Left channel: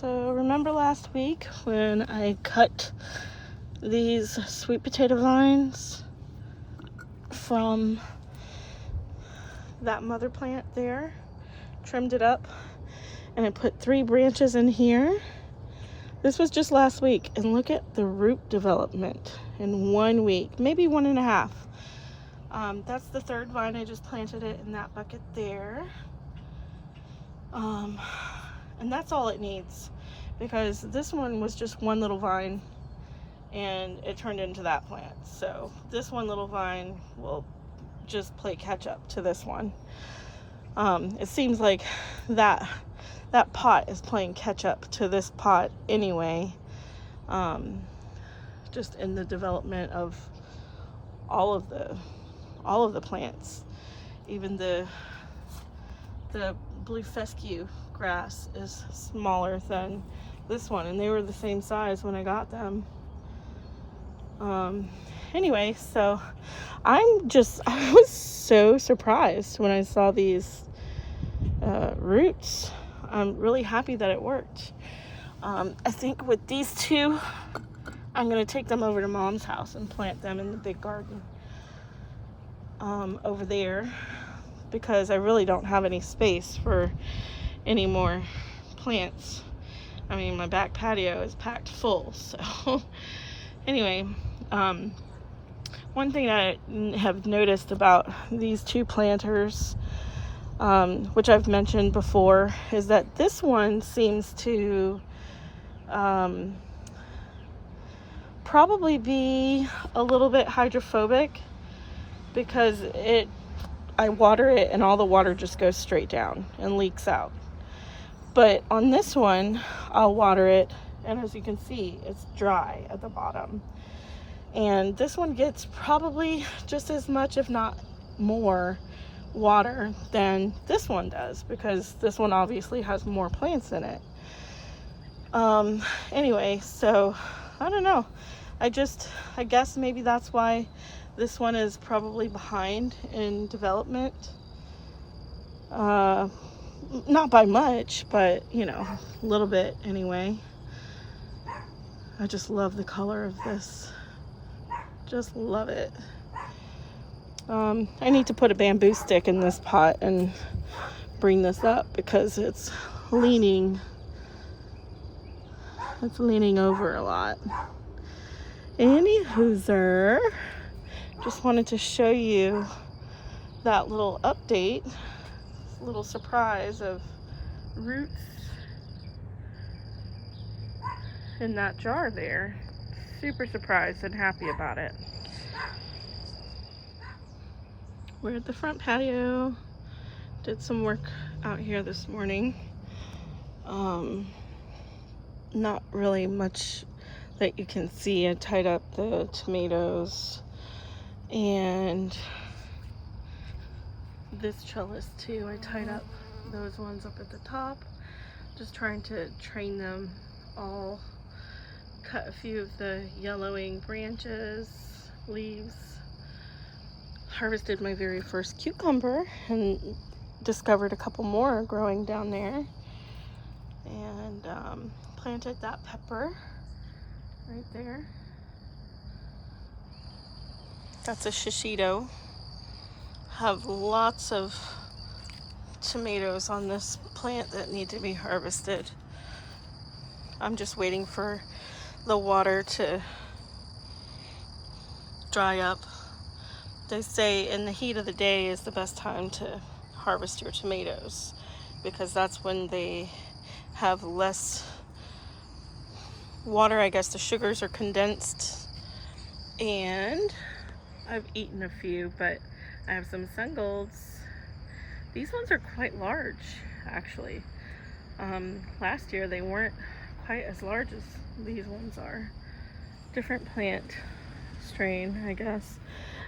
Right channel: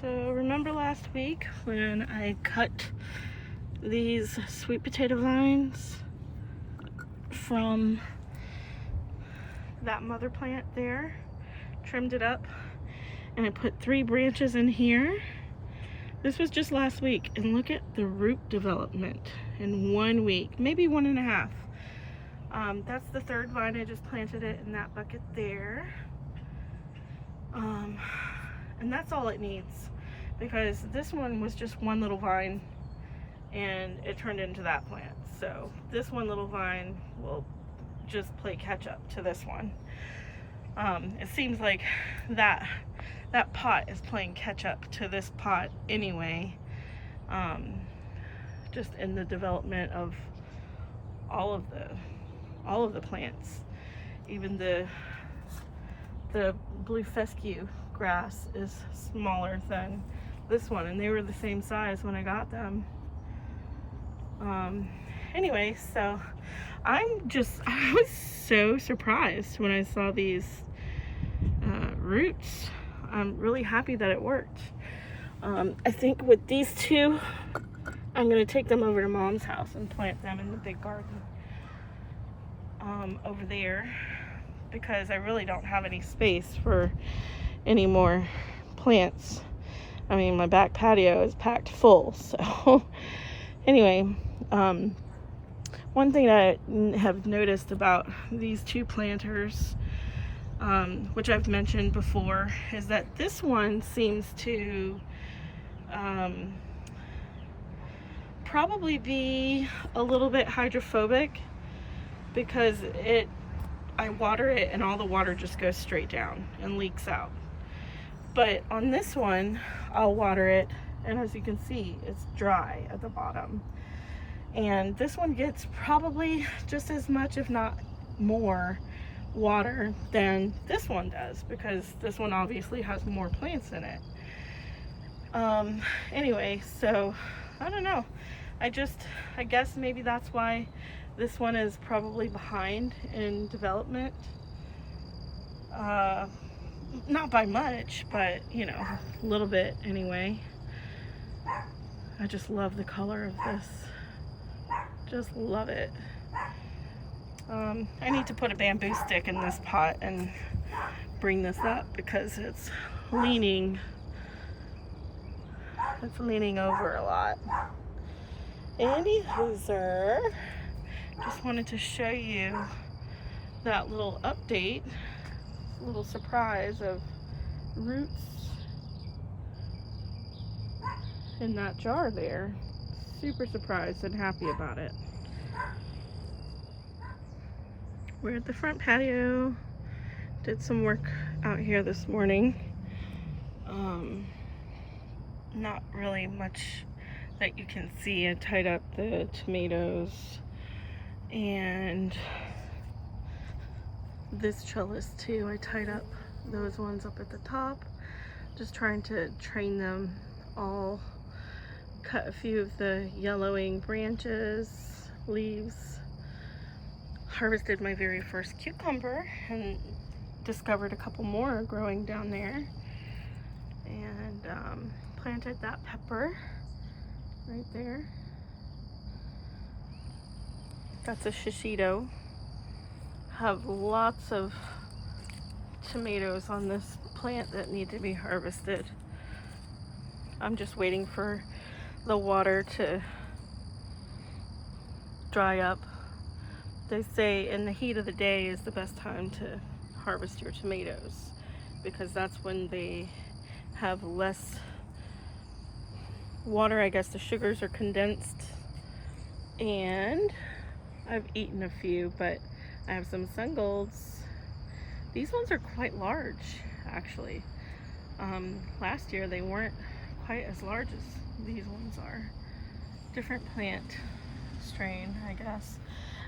So remember last week when I cut these sweet potato vines from that mother plant there, trimmed it up, and I put 3 branches in here? This was just last week, and look at the root development in 1 week, maybe 1.5. That's the 3rd vine. I just planted it in that bucket there. And that's all it needs, because this one was just one little vine and it turned into that plant. So this one little vine will just play catch up to this one. It seems like that pot is playing catch up to this pot anyway, just in the development of all of the plants. Even the blue fescue grass is smaller than this one, and they were the same size when I got them. Anyway, so I was so surprised when I saw these roots. I'm really happy that it worked. I think with these 2, I'm going to take them over to Mom's house and plant them in the big garden over there, because I really don't have any space for any more plants. I mean, my back patio is packed full. So anyway, one thing I have noticed about these 2 planters, which I've mentioned before, is that this one seems to probably be a little bit hydrophobic, because I water it and all the water just goes straight down and leaks out. But on this one, I'll water it, and as you can see, it's dry at the bottom. And this one gets probably just as much, if not more, water than this one does, because this one obviously has more plants in it. Anyway, so I don't know. I guess maybe that's why this one is probably behind in development. Not by much, but a little bit anyway. I just love the color of this. Just love it. I need to put a bamboo stick in this pot and bring this up, because it's leaning over a lot. Anywho, just wanted to show you that little update, little surprise of roots in that jar there. Super surprised and happy about it. We're at the front patio. Did some work out here this morning. Not really much that you can see. I tied up the tomatoes and this trellis too. I tied up those ones up at the top, just trying to train them all. Cut a few of the yellowing branches, leaves. Harvested my very first cucumber and discovered a couple more growing down there. And planted that pepper right there. That's a shishito. Have lots of tomatoes on this plant that need to be harvested. I'm just waiting for the water to dry up. They say in the heat of the day is the best time to harvest your tomatoes, because that's when they have less water. I guess the sugars are condensed. And I've eaten a few, but I have some sun golds. These ones are quite large, actually. Last year they weren't quite as large as these ones are. Different plant strain, I guess.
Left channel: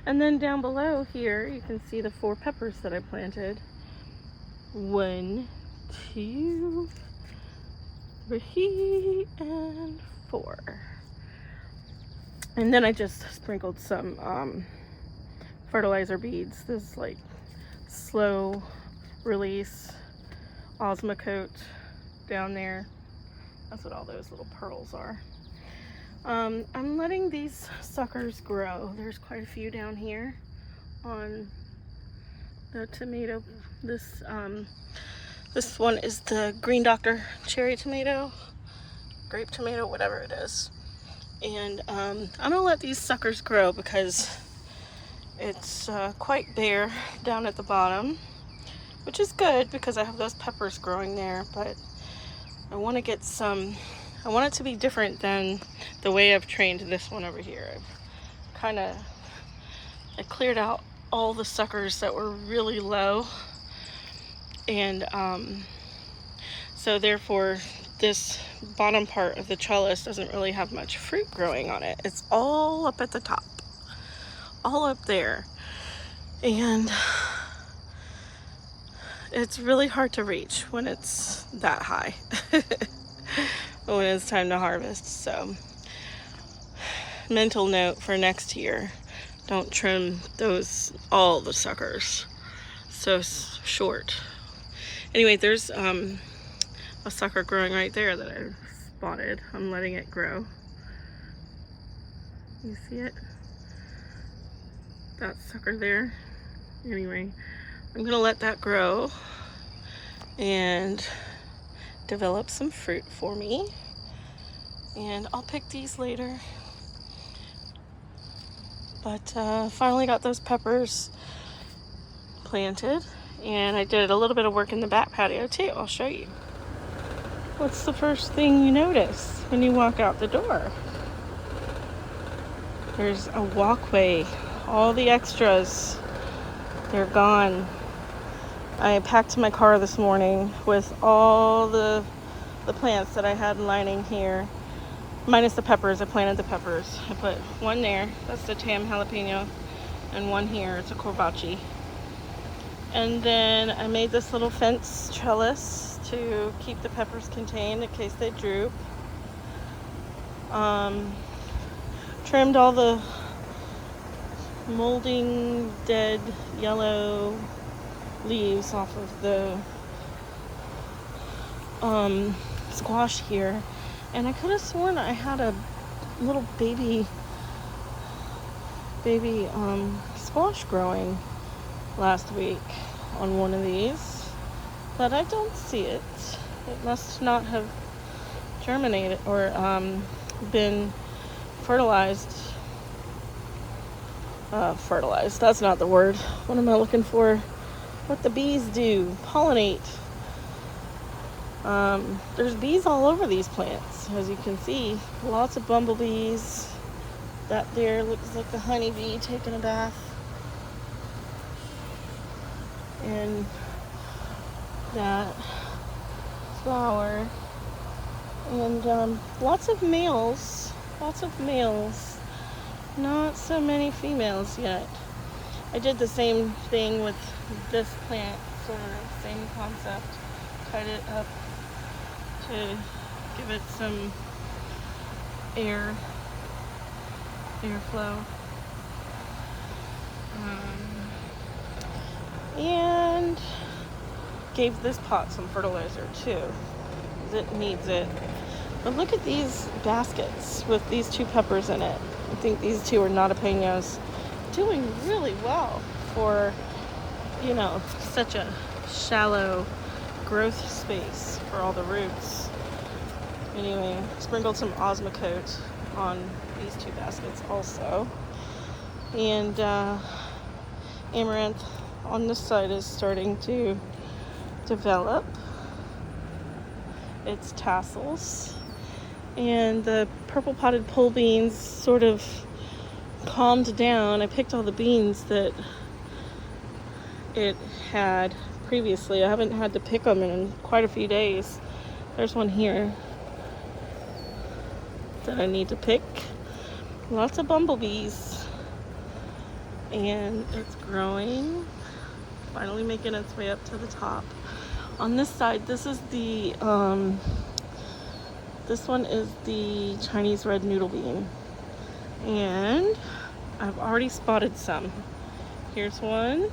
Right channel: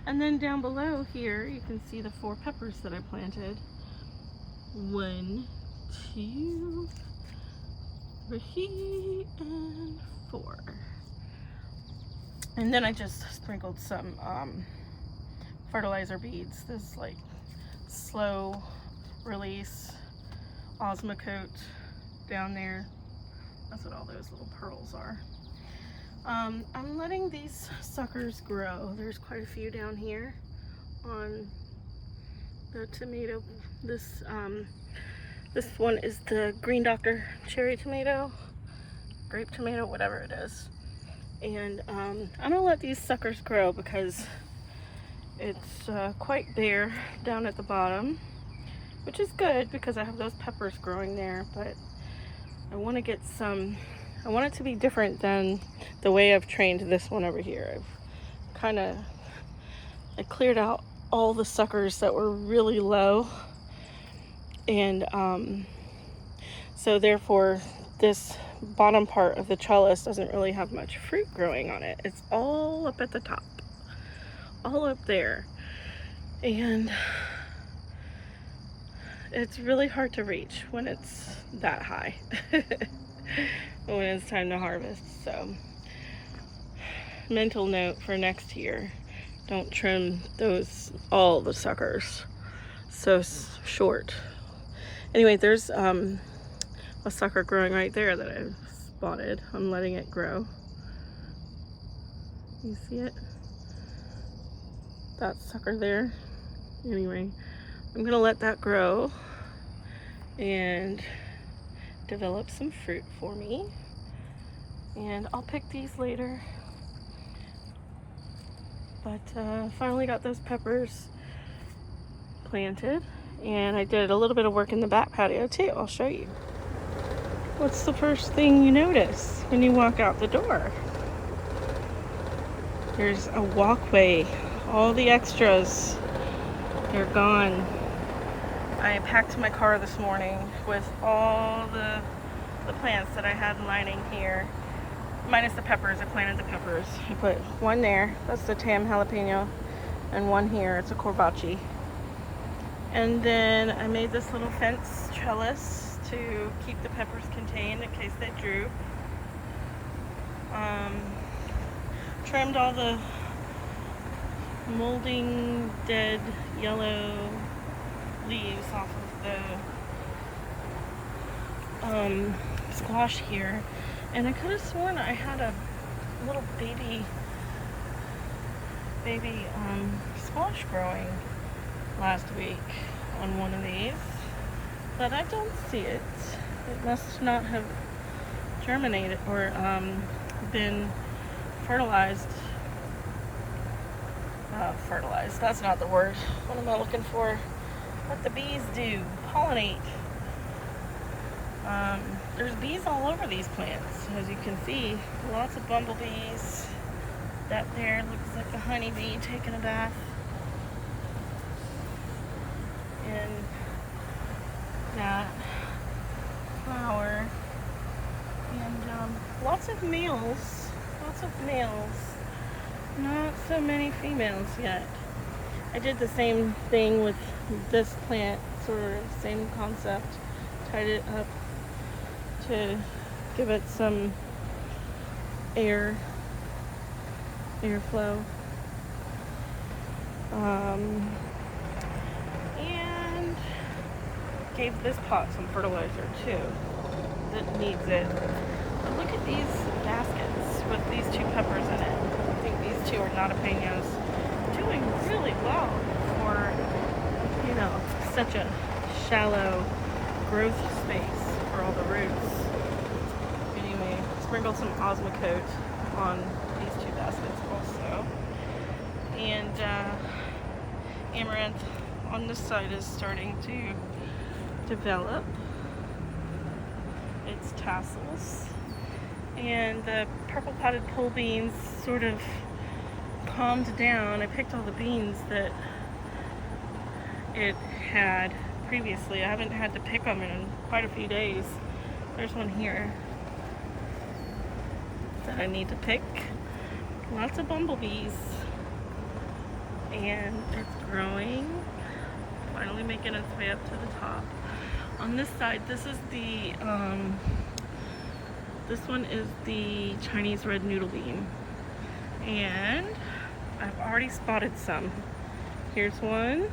And then down below here, you can see the 4 peppers that I planted. 1, 2, 3, and 4. And then I just sprinkled some fertilizer beads. This is like slow release Osmocote down there That's what all those little pearls are. I'm letting these suckers grow. There's quite a few down here on the tomato. This one is the Green Doctor cherry tomato, grape tomato, whatever it is. And I'm gonna let these suckers grow because it's quite bare down at the bottom, which is good because I have those peppers growing there, but I want to get some, I want it to be different than the way I've trained this one over here. I cleared out all the suckers that were really low, and so therefore this bottom part of the trellis doesn't really have much fruit growing on it. It's all up at the top, all up there, and it's really hard to reach when it's that high when it's time to harvest. So mental note for next year, don't trim all the suckers so short. Anyway, there's a sucker growing right there that I spotted. I'm letting it grow. You see it? That sucker there. Anyway, I'm gonna let that grow and develop some fruit for me, and I'll pick these later. But finally got those peppers planted, and I did a little bit of work in the back patio too. I'll show you. What's the first thing you notice when you walk out the door? There's a walkway. All the extras, they're gone. I packed my car this morning with all the plants that I had lining here, minus the peppers. I planted the peppers. I put one there, that's the Tam jalapeno, and one here, it's a corbachi. And then I made this little fence trellis to keep the peppers contained in case they droop. Trimmed all the molding, dead, yellow leaves off of the squash here, and I could have sworn I had a little baby squash growing last week on one of these, but I don't see it. It must not have germinated or been fertilized. Fertilized, that's not the word. What am I looking for? What the bees do, pollinate. There's bees all over these plants, as you can see. Lots of bumblebees. That there looks like a honeybee taking a bath. And that flower. And lots of males. Not so many females yet. I did the same thing with this plant, sort of same concept. Tied it up to give it some airflow. And gave this pot some fertilizer too. It needs it. But look at these baskets with these two peppers in it. I think these two are jalapenos. Doing really well for, you know, such a shallow growth space for all the roots. Anyway, sprinkled some Osmocote on these two baskets also. And amaranth on the side is starting to develop its tassels. And the purple potted pole beans sort of calmed down. I picked all the beans that it had previously. I haven't had to pick them in quite a few days. There's one here that I need to pick. Lots of bumblebees. And it's growing. Finally making its way up to the top. On this side, this is the this one is the Chinese red noodle bean, and I've already spotted some. Here's one.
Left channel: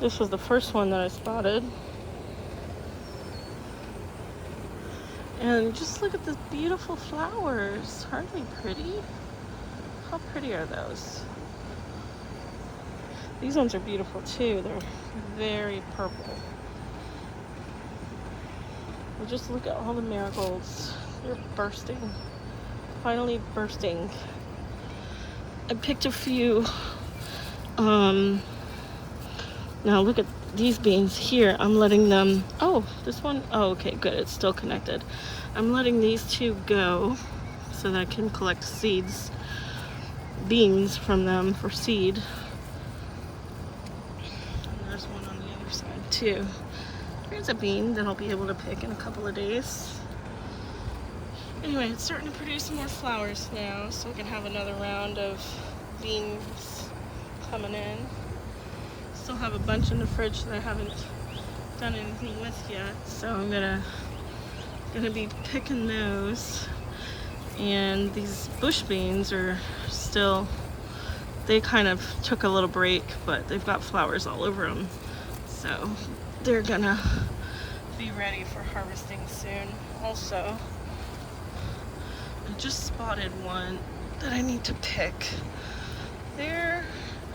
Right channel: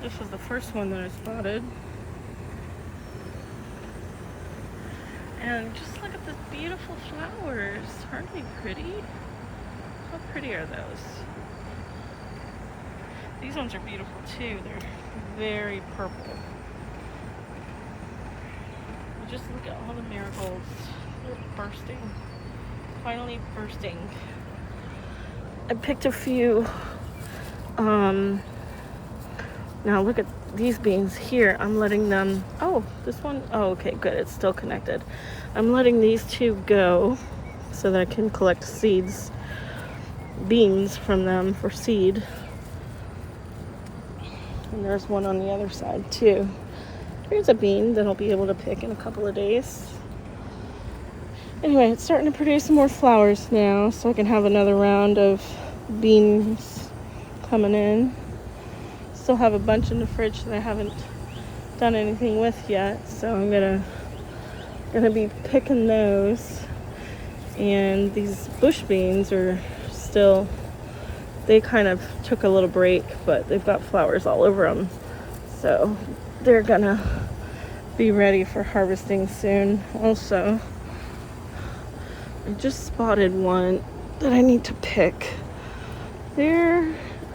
This was the first one that I spotted. And just look at the beautiful flowers. Aren't they pretty? How pretty are those? These ones are beautiful too. They're very purple. And just look at all the marigolds. They're bursting. Finally bursting. I picked a few. Now look at these beans here. I'm letting them, oh, this one, oh, okay, good, it's still connected. I'm letting these two go so that I can collect seeds, beans from them for seed. And there's one on the other side too. Here's a bean that I'll be able to pick in a couple of days. Anyway, it's starting to produce some more flowers now, so I can have another round of beans coming in. Still have a bunch in the fridge that I haven't done anything with yet, so I'm gonna be picking those. And these bush beans are still, they kind of took a little break, but they've got flowers all over them, so they're gonna be ready for harvesting soon. Also, I just spotted one that I need to pick there,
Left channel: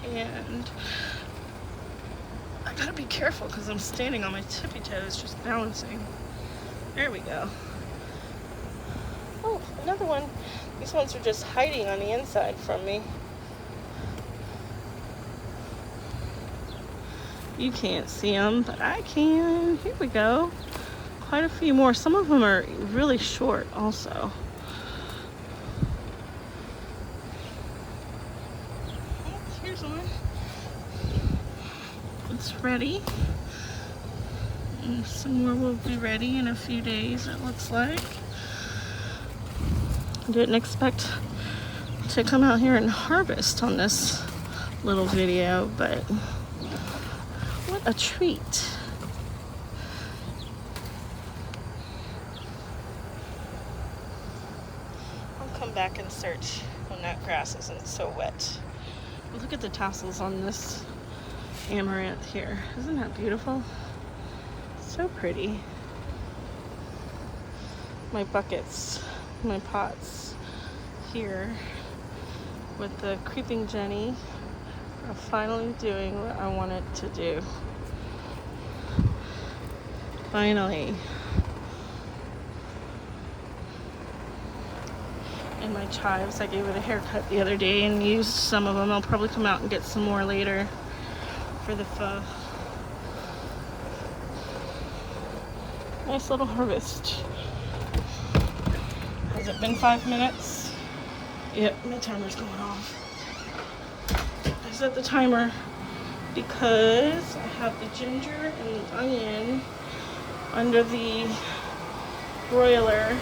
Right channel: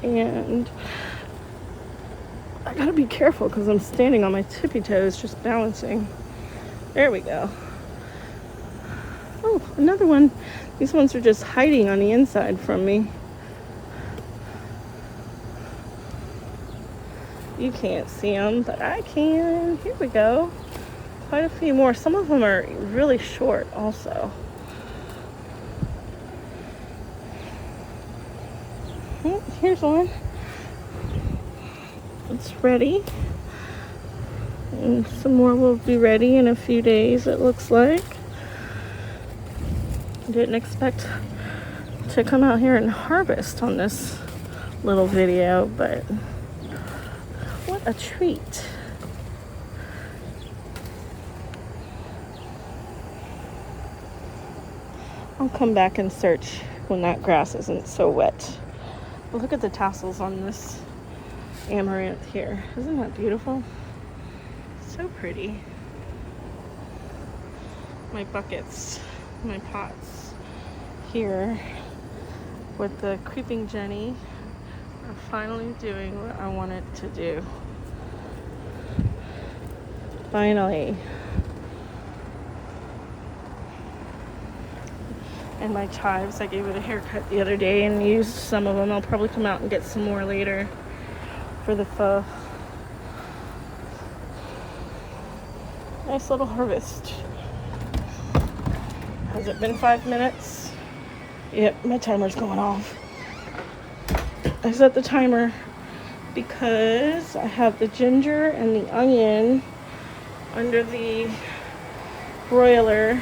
and I gotta be careful because I'm standing on my tippy toes, just balancing. There we go. Oh, another one. These ones are just hiding on the inside from me. You can't see them, but I can. Here we go. Quite a few more. Some of them are really short also. Oh, here's one. It's ready. And some more will be ready in a few days, it looks like. I didn't expect to come out here and harvest on this little video, but what a treat. I'll come back and search when that grass isn't so wet. Look at the tassels on this amaranth here. Isn't that beautiful? So pretty. My buckets, my pots here with the creeping Jenny are finally doing what I wanted to do. Finally. And my chives, I gave it a haircut the other day and used some of them. I'll probably come out and get some more later for the pho. Nice little harvest. Has it been 5 minutes? Yep, my timer's going off. I set the timer because I have the ginger and the onion under the broiler.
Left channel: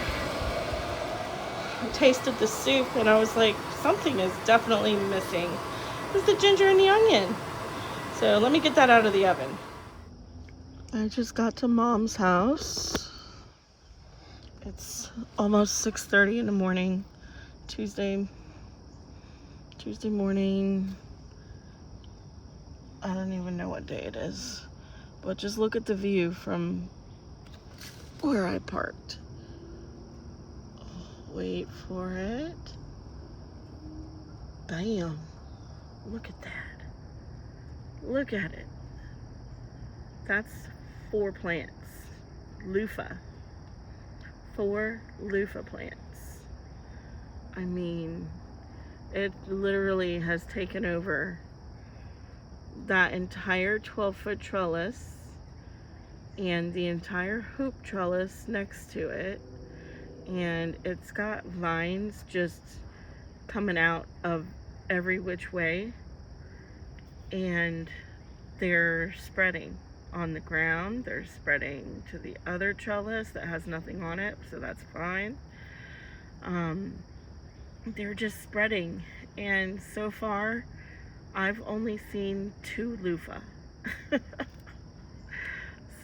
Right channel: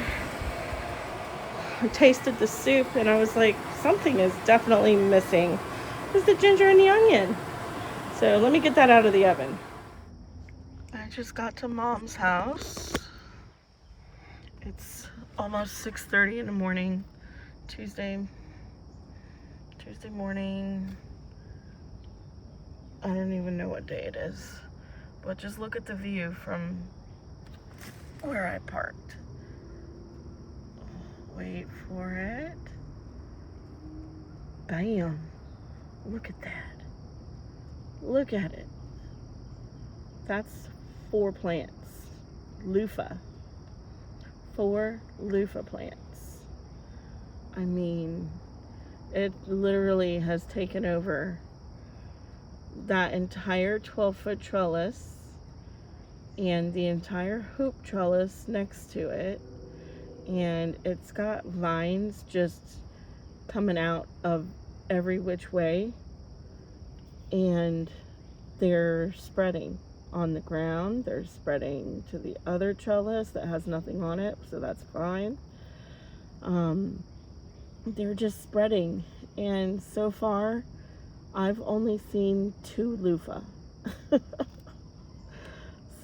I tasted the soup and I was like, something is definitely missing. It's the ginger and the onion. So let me get that out of the oven. I just got to Mom's house. It's almost 6:30 in the morning, Tuesday morning. I don't even know what day it is, but just look at the view from where I parked. Wait for it. Bam. Look at that. Look at it. That's 4 plants. Loofah. 4 loofah plants. I mean, it literally has taken over that entire 12-foot trellis and the entire hoop trellis next to it. And it's got vines just coming out of every which way, and they're spreading on the ground. They're spreading to the other trellis that has nothing on it, so that's fine. They're just spreading, and so far I've only seen 2 loofah.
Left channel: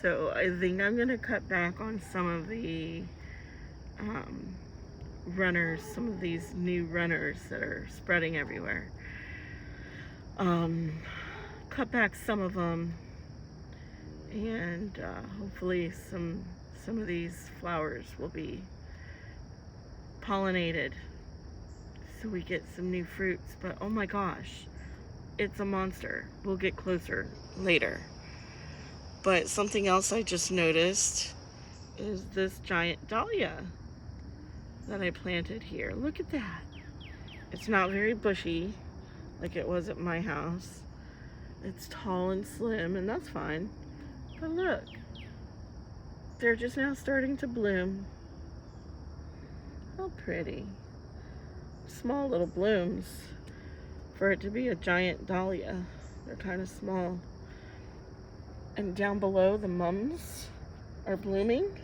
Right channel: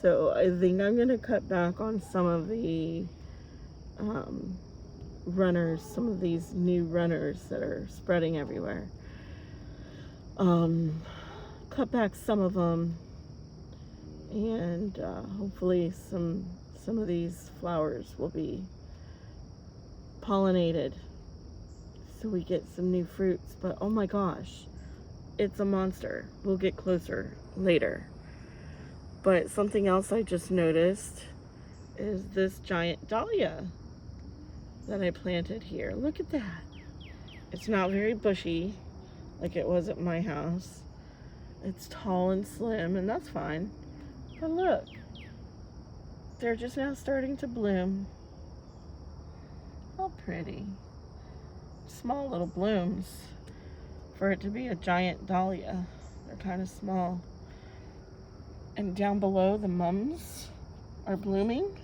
So I think I'm gonna cut back on some of the runners, some of these new runners that are spreading everywhere. Cut back some of them, and hopefully some some of these flowers will be pollinated so we get some new fruits. But oh my gosh, it's a monster. We'll get closer later. But something else I just noticed is this giant dahlia that I planted here. Look at that. It's not very bushy like it was at my house. It's tall and slim, and that's fine. But look, they're just now starting to bloom. How pretty. Small little blooms. For it to be a giant dahlia, they're kind of small. And down below, the mums are blooming.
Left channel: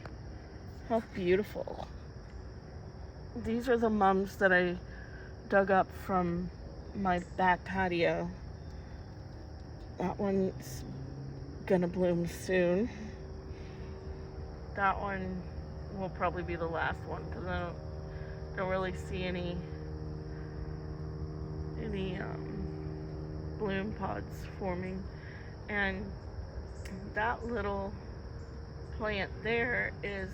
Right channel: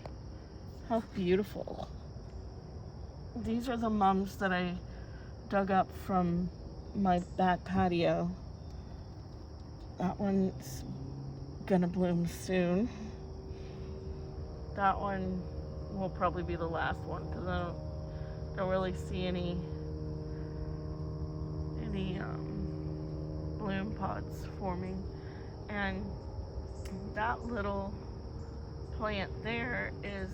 How beautiful. These are the mums that I dug up from my back patio. That one's gonna bloom soon. That one will probably be the last one because I don't really see any bloom pods forming. And that little plant there is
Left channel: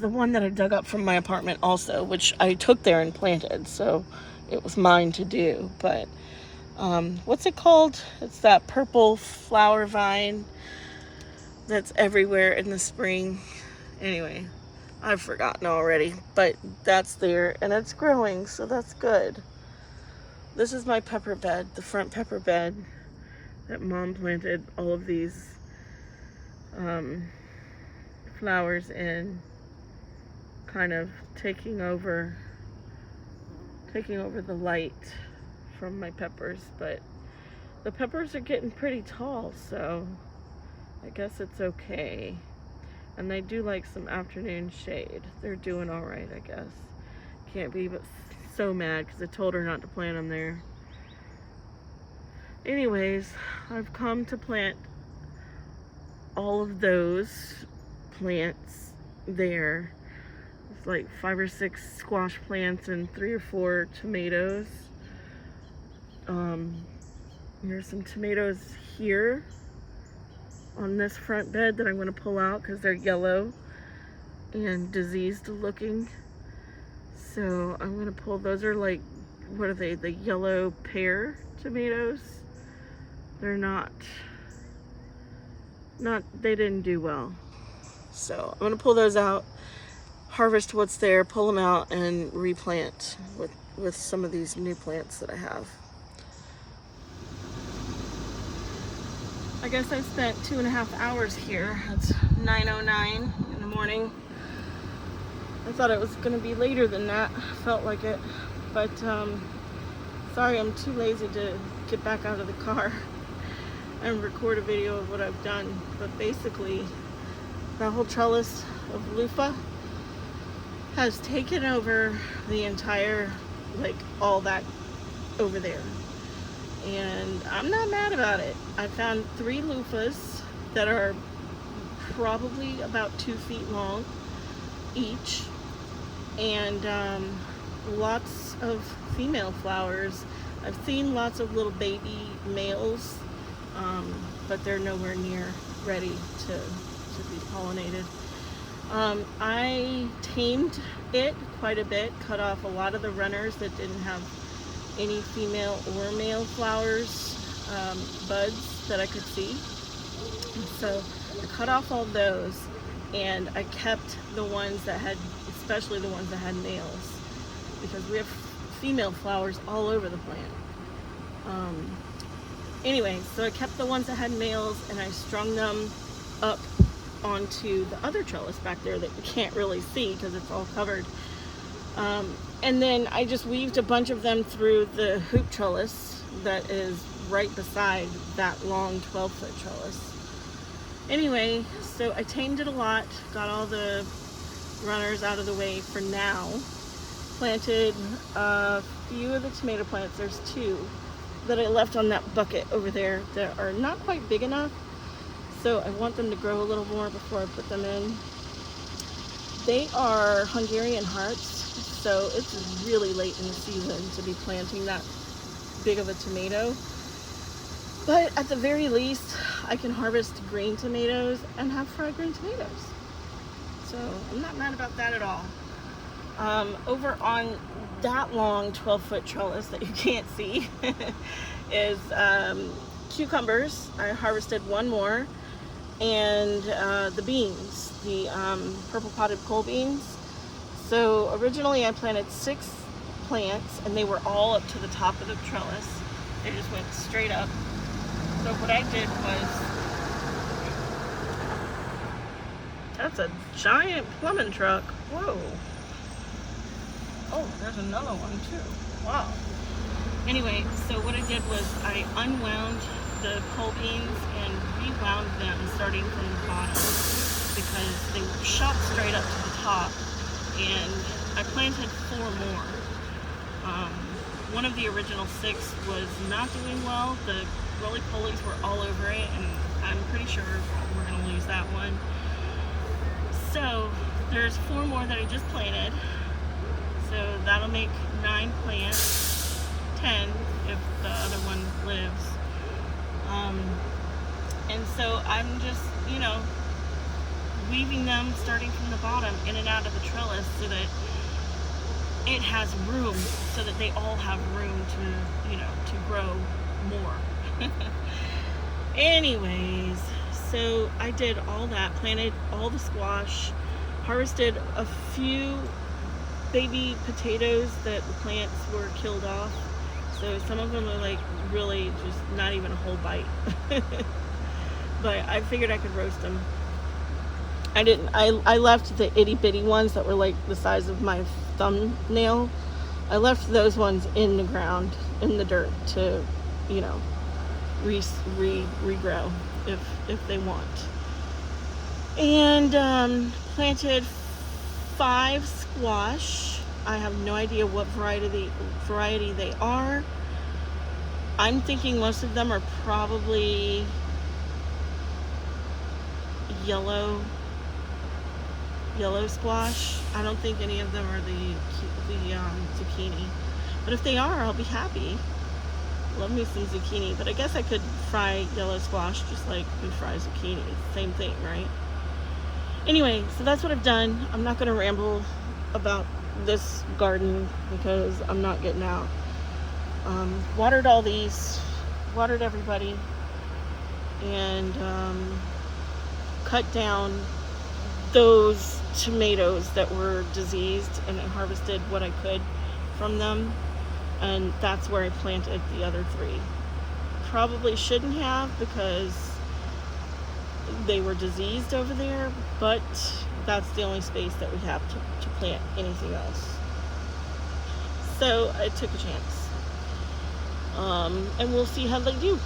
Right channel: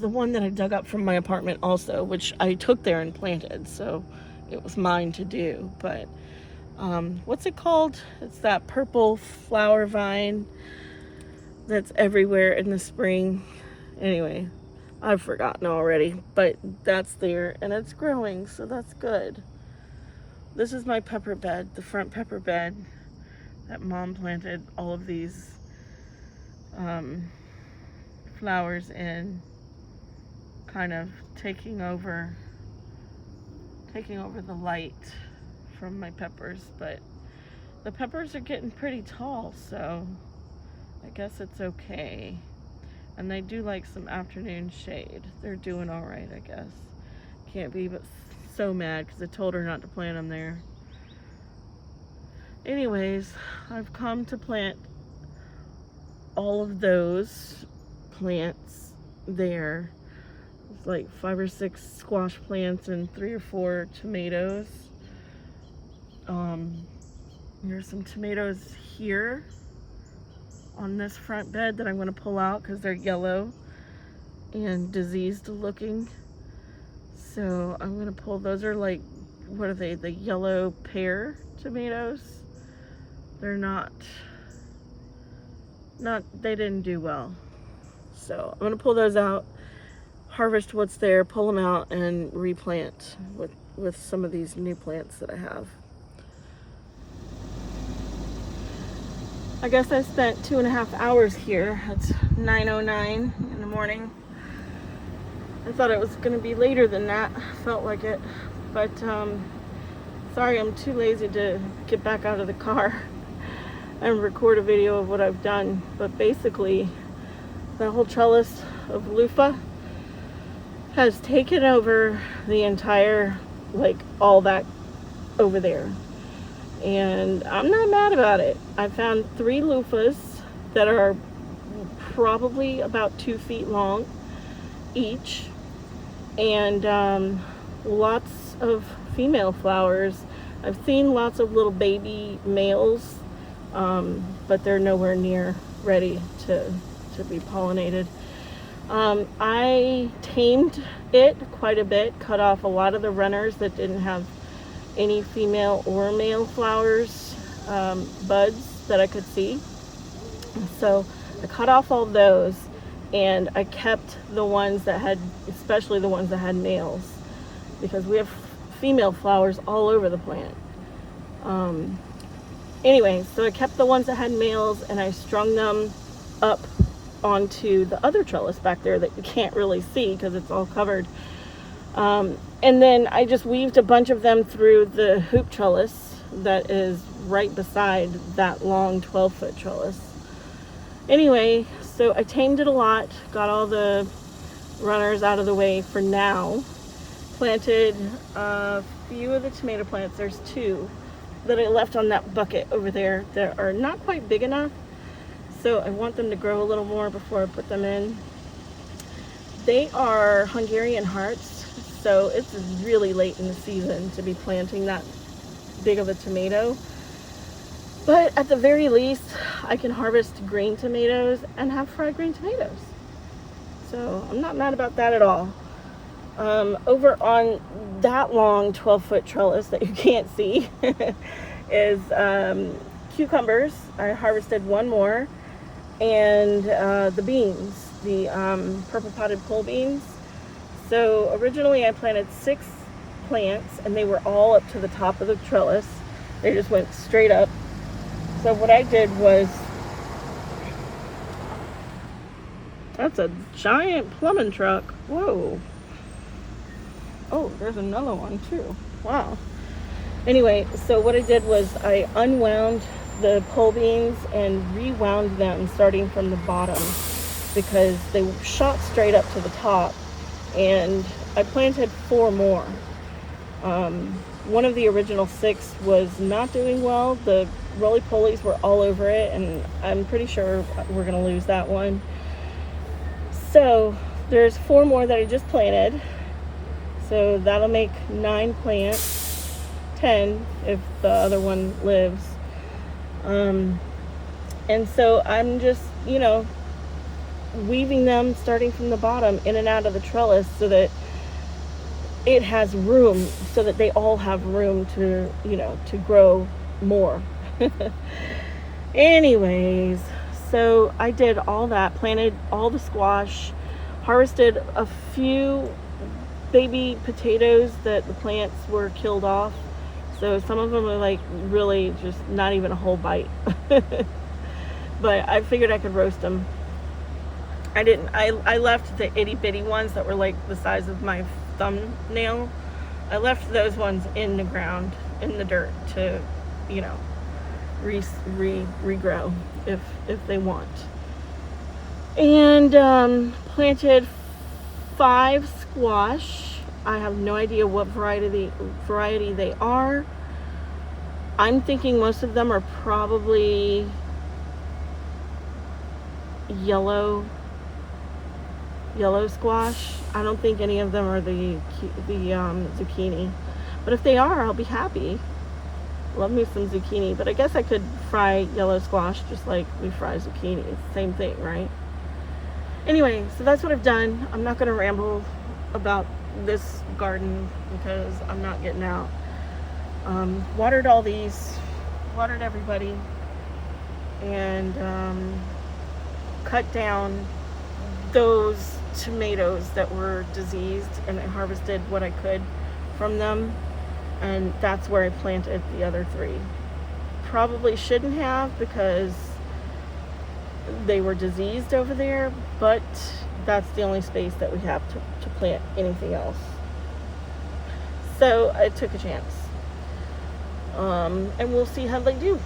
the one that I dug up from my apartment also, which I took there and planted, so it was mine to do. But what's it called? It's that purple flower vine that's everywhere in the spring. Anyway, I've forgotten already, but that's there and it's growing, so that's good. This is my pepper bed, the front pepper bed that Mom planted all of these flowers in, kind of taking over the light from my peppers. But the peppers are getting pretty tall, so I guess it's okay. And they do like some afternoon shade. They're doing all right, I guess. Can't be but so mad because I told her not to plant them there. Anyways, I've come to plant all of those plants there. It's like 5 or 6 squash plants and 3 or 4 tomatoes. There's some tomatoes here on this front bed that I'm going to pull out because they're yellow and diseased looking. So I'm going to pull, those are like, what are they, the yellow pear tomatoes? They're not, they didn't do well. So I'm going to pull those out, harvest what's there, pull them out, and replant with some of these new plants that I have. I guess I spent 2.5 hours here. It's 9:09 in the morning. I thought it was going to be later than that. Felt like it. But sorry, I'm too lazy to get back out of the car and record a video of what I've done. But basically, the whole trellis of loofah has taken over the entire, like, all that over there. And I'm not mad about it. I found 3 loofahs that are probably about 2 feet long each, and lots of female flowers. I've seen lots of little baby males, but they're nowhere near ready to be pollinated. I tamed it quite a bit, cut off a lot of the runners that didn't have any female or male flowers, buds that I could see. So I cut off all those, and I kept the ones that had, especially the ones that had males, because we have female flowers all over the plant. Anyway, so I kept the ones that had males, and I strung them up onto the other trellis back there that you can't really see because it's all covered. And then I just weaved a bunch of them through the hoop trellis that is right beside that long 12-foot trellis. Anyway, so I tamed it a lot, got all the runners out of the way for now. Planted a few of the tomato plants. There's 2 that I left on that bucket over there that are not quite big enough. So I want them to grow a little more before I put them in. They are Hungarian hearts. So it's really late in the season to be planting that big of a tomato. But at the very least, I can harvest green tomatoes and have fried green tomatoes. So I'm not mad about that at all. Over on that long 12-foot trellis that you can't see is cucumbers. I harvested one more, and the beans, the purple potted pole beans. So originally I planted 6 plants, and they were all up to the top of the trellis. They just went straight up. So what I did was, that's a giant plumbing truck. Whoa. Oh, there's another one too. Wow. Anyway, so what I did was I unwound the pole beans and rewound them starting from the bottom, because they shot straight up to the top, and I planted 4 more. One of the original 6 was not doing well. The roly-polies were all over it, and I'm pretty sure we're gonna lose that one. So there's 4 more that I just planted. So that'll make 9 plants, 10 if the other one lives. And so I'm just, weaving them starting from the bottom in and out of the trellis so that it has room, so that they all have room to, to grow more. Anyways, so I did all that, planted all the squash, harvested a few baby potatoes that the plants were killed off. So some of them are like really just not even a whole bite. But I figured I could roast them. I didn't. I left the itty bitty ones that were like the size of my thumbnail. I left those ones in the ground, in the dirt, to, regrow if they want. And planted 5 squash. I have no idea what variety they are. I'm thinking most of them are probably yellow squash. I don't think any of them are the zucchini, but if they are, I'll be happy. Love me some zucchini, but I guess I could fry yellow squash just like we fry zucchini. Same thing, right? Anyway, so that's what I've done. I'm not going to ramble about this garden because I'm not getting out. Watered all these, watered everybody, and cut down those tomatoes that were diseased, and I harvested what I could from them, and that's where I planted the other 3. Probably shouldn't have, because they were diseased over there, but that's the only space that we have to plant anything else. So I took a chance. And we'll see how they do.